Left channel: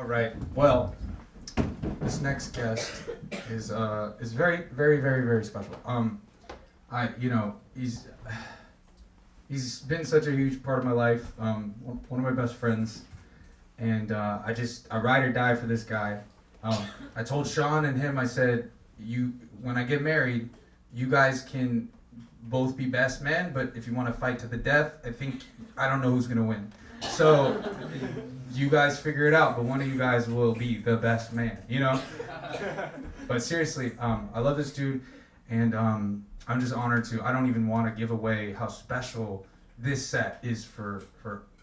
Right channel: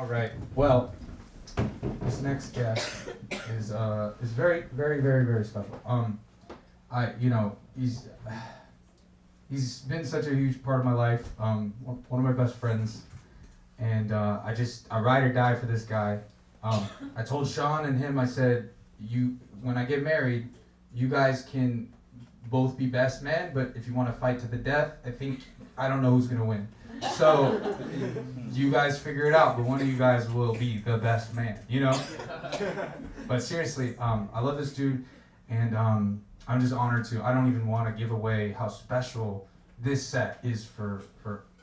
All right. Well, this next guest is very, very, very, very special. He's been such a huge part of my life. One of my best friends, and I ride or die for this guy. I told Sean and him, I said, when I get married, you guys can both be best men, but if you want to fight to the death, I don't know who's gonna win. So you guys figure it out, but one of you guys will be the best man, But seriously, I love this dude, and I'm just honored to. I don't even want to give away how special this set is for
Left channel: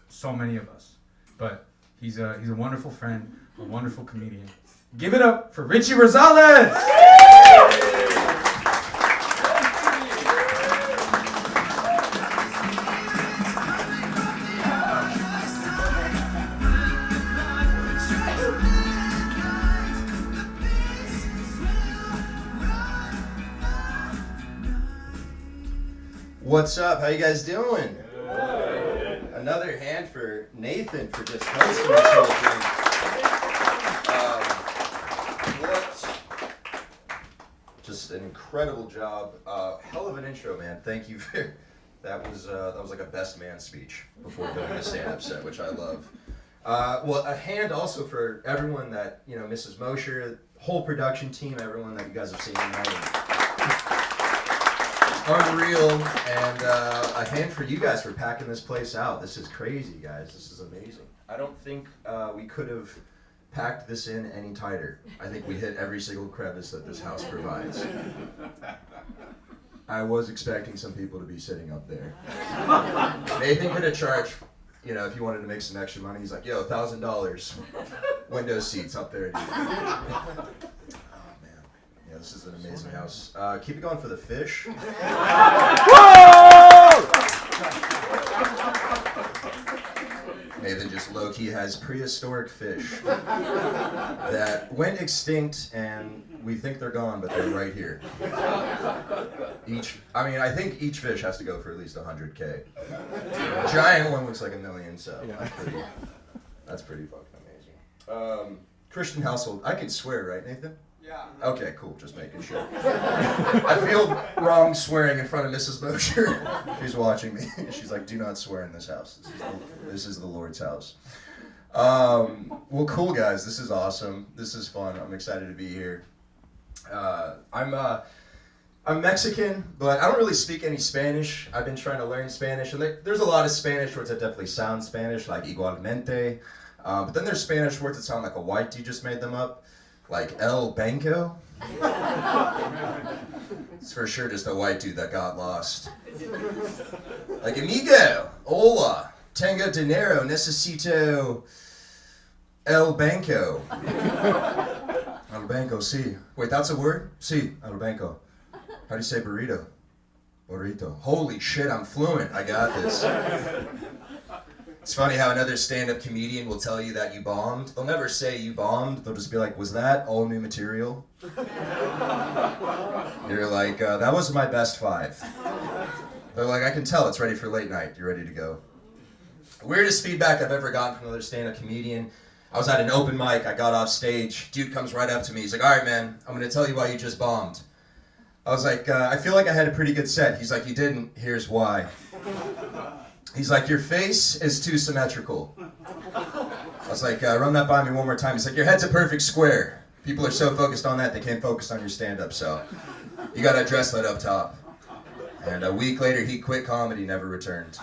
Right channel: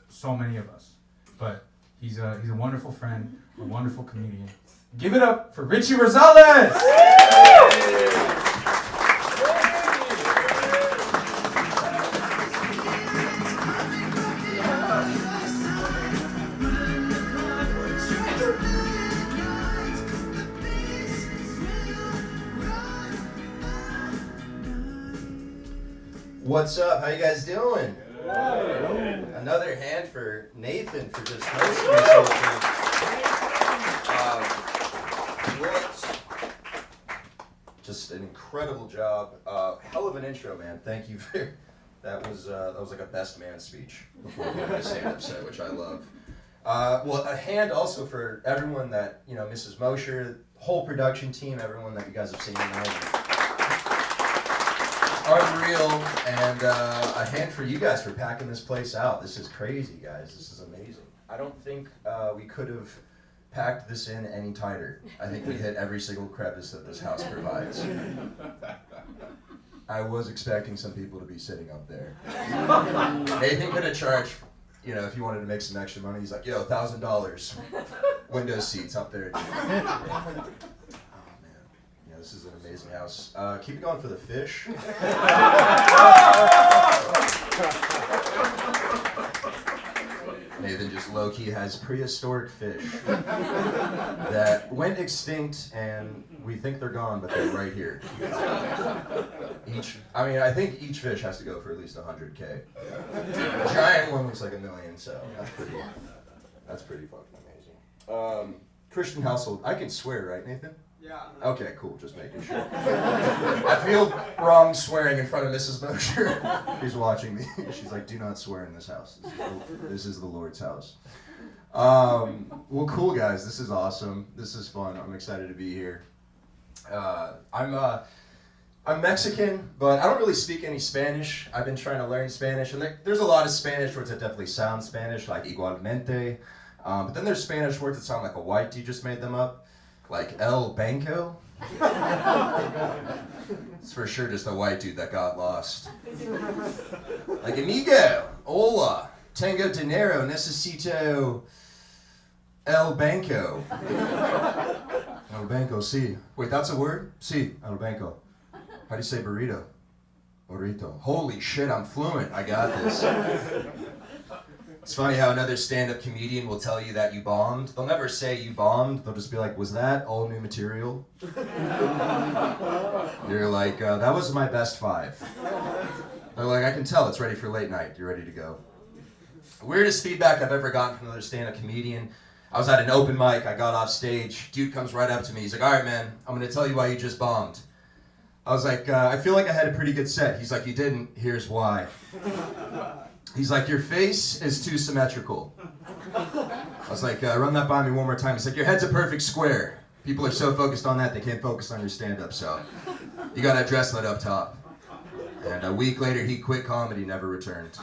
so many of us. But he's a wonderful friend, a wonderful comedian. Give it up for Richie Rosales! What's up? How you guys doing? Good. Another hand for Nathan for just hosting this whole thing. Just an incredible job. Hell of an intro, man. Thank you for that. Was like a best man speech before doing a stand-up set, which I love. Well, a hand also for everyone that Mrs. Mosher, whole production team, everyone that you guys have seen tonight. Unreal, and a hand for you guys for packing this place out. This is crazy, guys. This is amazing. I don't think we could have packed this in any tighter. I think we hit every single crevice that this house provides. I was expecting some people to be sitting up there. Nathan could have charged, if you wanted to make some extra money. He's like, yo, $1,000 window seats up there, dude. This is an amazing house. Keep it going for the fish. Nathan just low-key has prehistoric fish that went extinct, and we think they're gone, but they're right here. I think each fish has to go for at least $100K. Giant one looks like $1 million, so that's pretty fucking amazing. Christian household. I can swear, right, Nathan? Yeah. Okay, cool. Just making sure. I feel wrong swearing in front of Mrs. Mosher, who's watching me. She's like, "Do not swear in this house. This is the Lord's house." Well, cool, guys. This is awesome. This is fun. I'm excited to be here. I'm Mexican, but I don't really speak any Spanish. I've been trying to learn Spanish, and there's a lot of Spanish words that definitely sound Spanish, like igualmente. But then there's Spanish words that sound like a white dude just made them up. Like El Banco? It's for sure just a white dude that got lost. Like amigo, hola, tengo dinero, necesito El Banco. El Banco, sí. Wait, that's a word? Sí, El Banco. How do you say burrito? Burrito. Holy shit, I'm fluent. I got this. It's funny how another stand-up comedian will tell you that you bombed. They'll never say you bombed. They'll just be like, was that all new material? You're like, that was my best 5. They're like, I can tell it's ready for late night. You're ready to go. Weirdest feedback I've ever gotten from another stand-up comedian. I was at an open mic. I got off stage. Dude comes right up to me. He's like, all right, man, I'm going to tell you why you just bombed. I was like, I feel like I had a pretty good set. He's like, you didn't. Here's why. He's like, your face is too symmetrical. I was like, run that by me one more time. He's like, your head's a perfect square. People are so focused on that, they can't focus on your stand-up, so you gotta address that up top. And a week later, he quit comedy, never returned.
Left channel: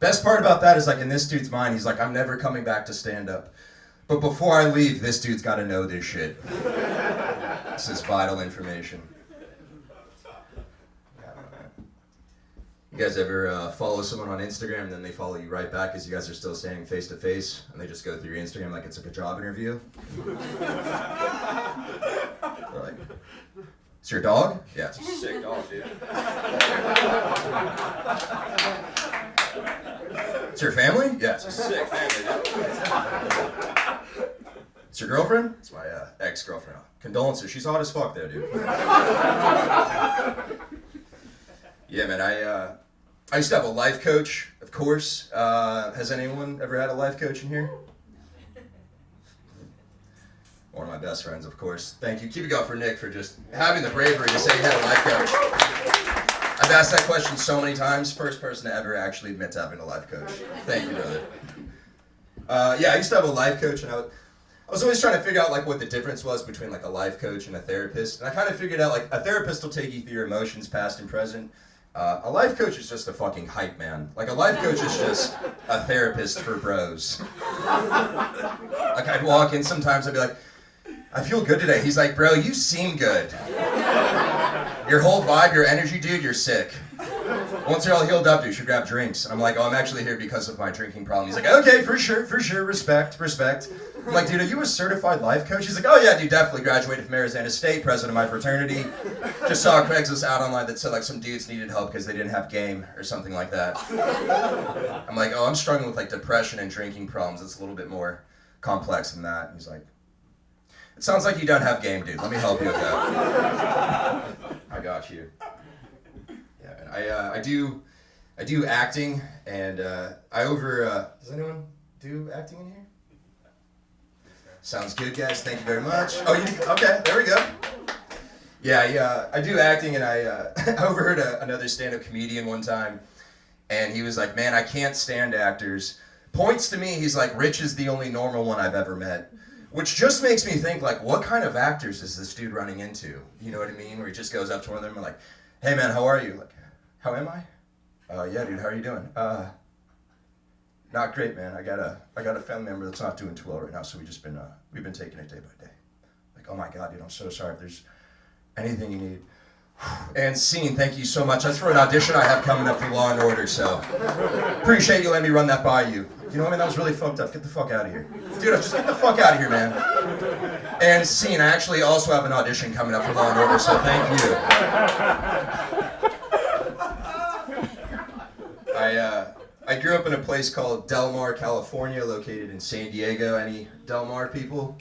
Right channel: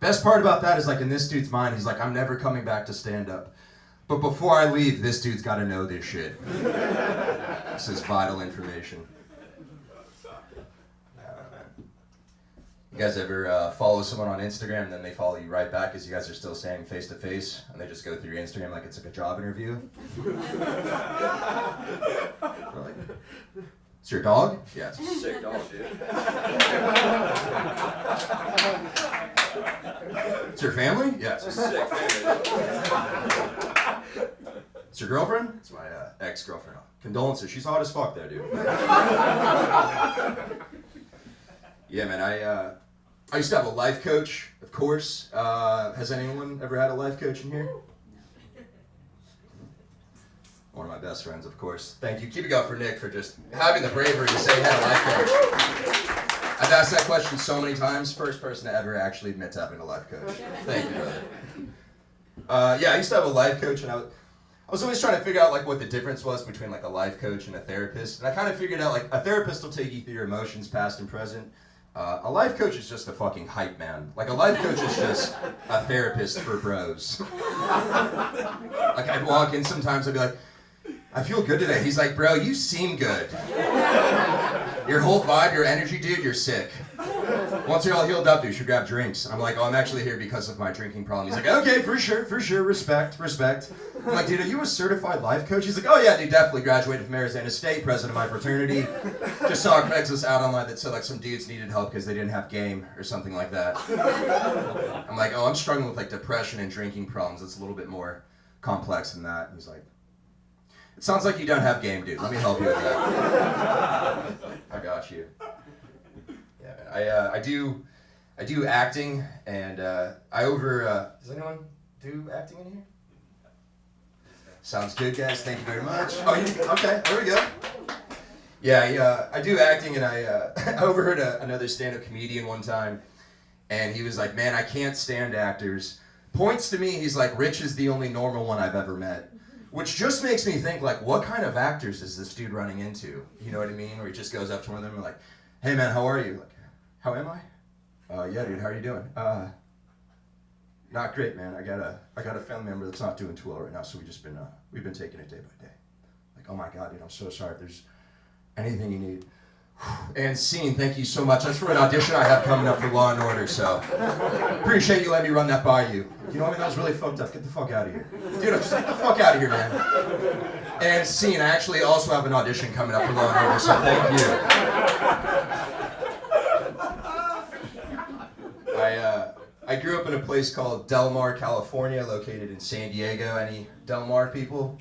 Best part about that is, like, in this dude's mind, he's like, I'm never coming back to stand-up. But before I leave, this dude's gotta know this shit. This is vital information. You guys ever follow someone on Instagram and then they follow you right back as you guys are still staying face to face, and they just go through your Instagram like it's like a job interview? They're like, it's your dog? Yeah, it's a sick dog, dude. It's your family? Yeah, it's a sick family, dude. It's your girlfriend? It's my ex-girlfriend. Condolences, she's hot as fuck there, dude. Yeah, man, I used to have a life coach, of course. Has anyone ever had a life coach in here? my best friends, of course. Thank you. Keep it going for Nick for just having the bravery to say he had a life coach. I've asked that question so many times. First person to ever actually admit to having a life coach. Thank you, brother. Yeah, I used to have a life coach, and I was always trying to figure out like what the difference was between like a life coach and a therapist. And I kind of figured out like a therapist will take you through your emotions, past and present. A life coach is just a fucking hype man. Like a life coach is just a therapist for bros. Like I'd walk in sometimes, I'd be like, I feel good today. He's like, bro, you seem good. Your whole vibe, your energy, dude, you're sick. Once you're all healed up, dude, you should grab drinks. And I'm like, oh, I'm actually here because of my drinking problem. He's like, okay, for sure, respect. I'm like, dude, are you a certified life coach? He's like, oh yeah, dude, definitely graduated from Arizona State, president of my fraternity. Just saw a Craigslist ad online that said like some dudes needed help because they didn't have game or something like that. I'm like, oh, I'm struggling with like depression and drinking problems. It's a little bit more complex than that. He's like, it sounds like you don't have game, dude. Let me help you with that. I got you. Yeah, man. I do acting, and does anyone do acting in here? Sounds good, guys. Thank you very much. Oh, okay, there we go. Yeah, I do acting, and I overheard another stand-up comedian one time, and he was like, man, I can't stand actors. Points to me, he's like, Rich is the only normal one I've ever met. Which just makes me think, like, what kind of actors is this dude running into? You know what I mean? Where he just goes up to one of them and like, hey man, how are you? Like, how am I? Yeah, dude, how are you doing? Not great, man. I got a family member that's not doing too well right now, so we've been taking it day by day. Like, oh my God, dude, I'm so sorry. If there's anything you need. And scene, thank you so much. That's for an audition I have coming up for Law and Order, so appreciate you letting me run that by you. You know what I mean? That was really fucked up. Get the fuck out of here. Dude, just get the fuck out of here, man. And scene, I actually also have an audition coming up for Law and Order, so thank you. I grew up in a place called Del Mar, California, located in San Diego. Any Del Mar people?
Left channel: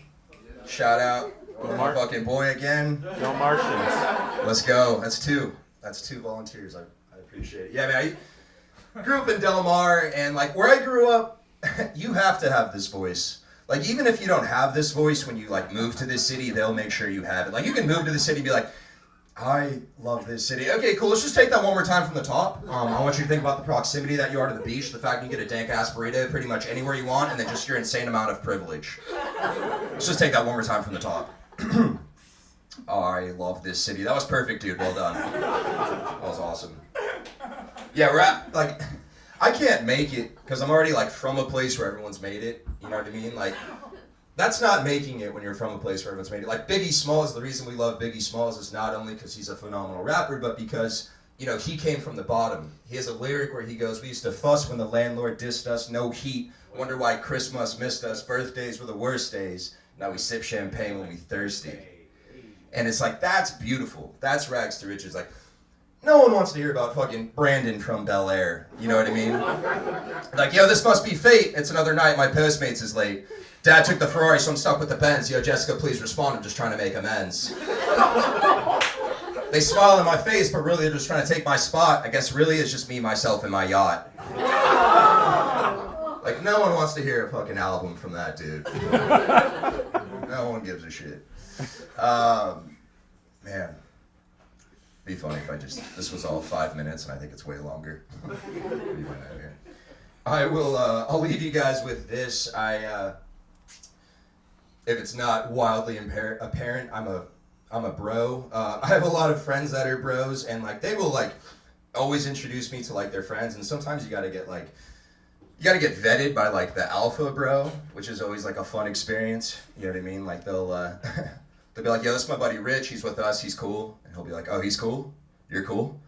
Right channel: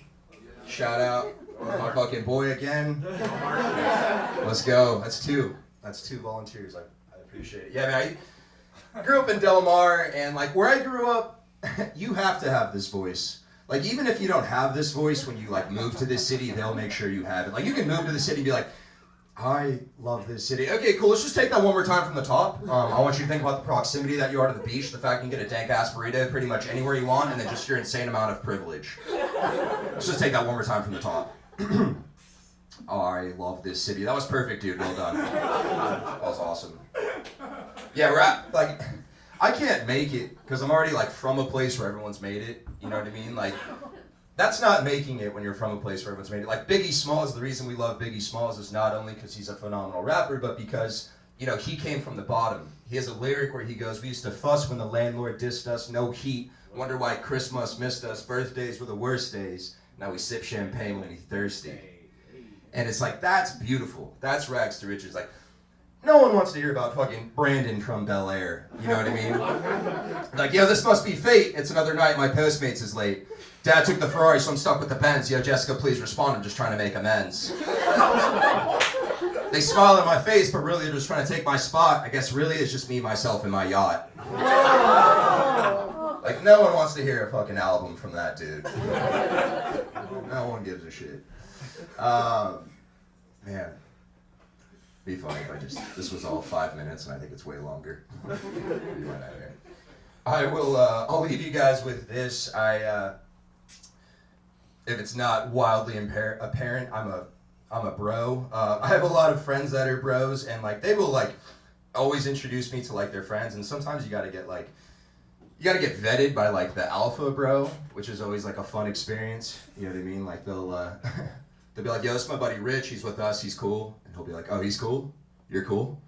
Shout out. My fucking boy again. Del Martians. Let's go. That's two volunteers. I appreciate it. Yeah, man, I grew up in Del Mar, and like where I grew up, you have to have this voice. Like even if you don't have this voice, when you like move to this city, they'll make sure you have it. Like you can move to the city and be like, I love this city. Okay, cool. Let's just take that one more time from the top. I want you to think about the proximity that you are to the beach, the fact you can get a dank-ass burrito pretty much anywhere you want, and then just your insane amount of privilege. Let's just take that one more time from the top. Oh, I love this city. That was perfect, dude. Well done. That was awesome. Yeah, like, I can't make it because I'm already like from a place where everyone's made it. You know what I mean? Like, that's not making it when you're from a place where everyone's made it. Like Biggie Smalls, the reason we love Biggie Smalls is not only because he's a phenomenal rapper, but because, you know, he came from the bottom. He has a lyric where he goes, we used to fuss when the landlord dissed us, no heat, wonder why Christmas missed us, birthdays were the worst days, now we sip champagne when we thirsty. And it's like, that's beautiful. That's rags to riches. Like, no one wants to hear about fucking Brandon from Bel Air. You know what I mean? Like, yo, this must be fate. It's another night, my Postmates is late. Dad took the Ferrari, so I'm stuck with the Benz. Yo, Jessica, please respond. I'm just trying to make amends. They smile in my face, but really they're just trying to take my spot. I guess really it's just me, myself, and my yacht. Like, no one wants to hear a fucking album from that dude. No one gives a shit. Man. Be funny if this was all 5 minutes, and I think it's way longer. You went out here. I'll leave you guys with this. If it's not wildly apparent, I'm a bro. I have a lot of friends that are bros, and like they will like always introduce me to like their friends, and sometimes you gotta get vetted by like the alpha bro, which is always like a fun experience. You know what I mean? Like they'll be like, yo, this is my buddy Rich, he's with us, he's cool. And he'll be like, oh, he's cool? You're cool?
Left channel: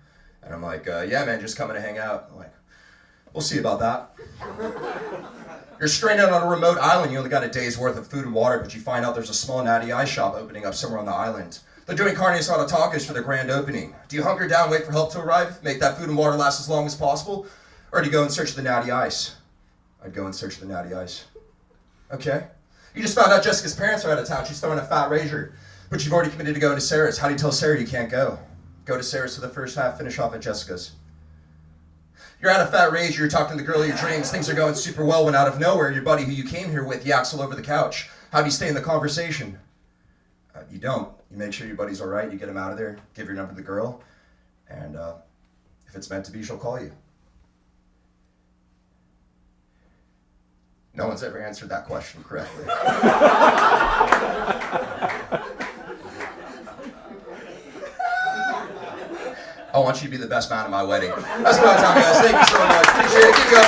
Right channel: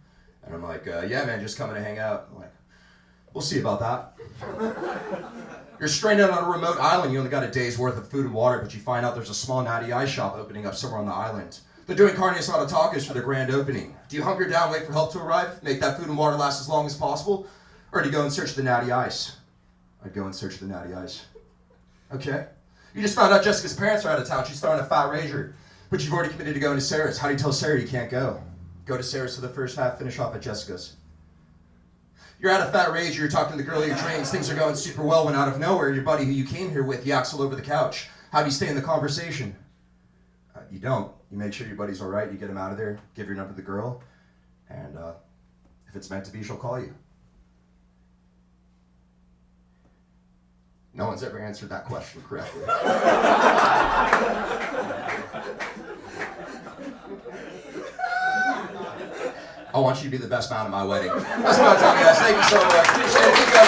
And I'm like, yeah man, just coming to hang out. I'm like, we'll see about that. You're stranded on a remote island, you only got a day's worth of food and water, but you find out there's a small natty ice shop opening up somewhere on the island. They're doing carne asada tacos for the grand opening. Do you hunker down, wait for help to arrive, make that food and water last as long as possible? Or do you go and search the natty ice? I'd go and search the natty ice. Okay. You just found out Jessica's parents are out of town. She's throwing a fat rager. But you've already committed to going to Sarah's. How do you tell Sarah you can't go? Go to Sarah's for the first half, finish off at Jessica's. You're at a fat rage, you're talking to the girl of your dreams, things are going super well when out of nowhere, your buddy who you came here with yaks all over the couch. How do you stay in the conversation? You don't. You make sure your buddy's all right. You get him out of there. Give your number to the girl, and if it's meant to be, she'll call you. No one's ever answered that question correctly. I want you to be the best man at my wedding. That's what I'm telling you guys. Thank you so much. Appreciate it. Keep going.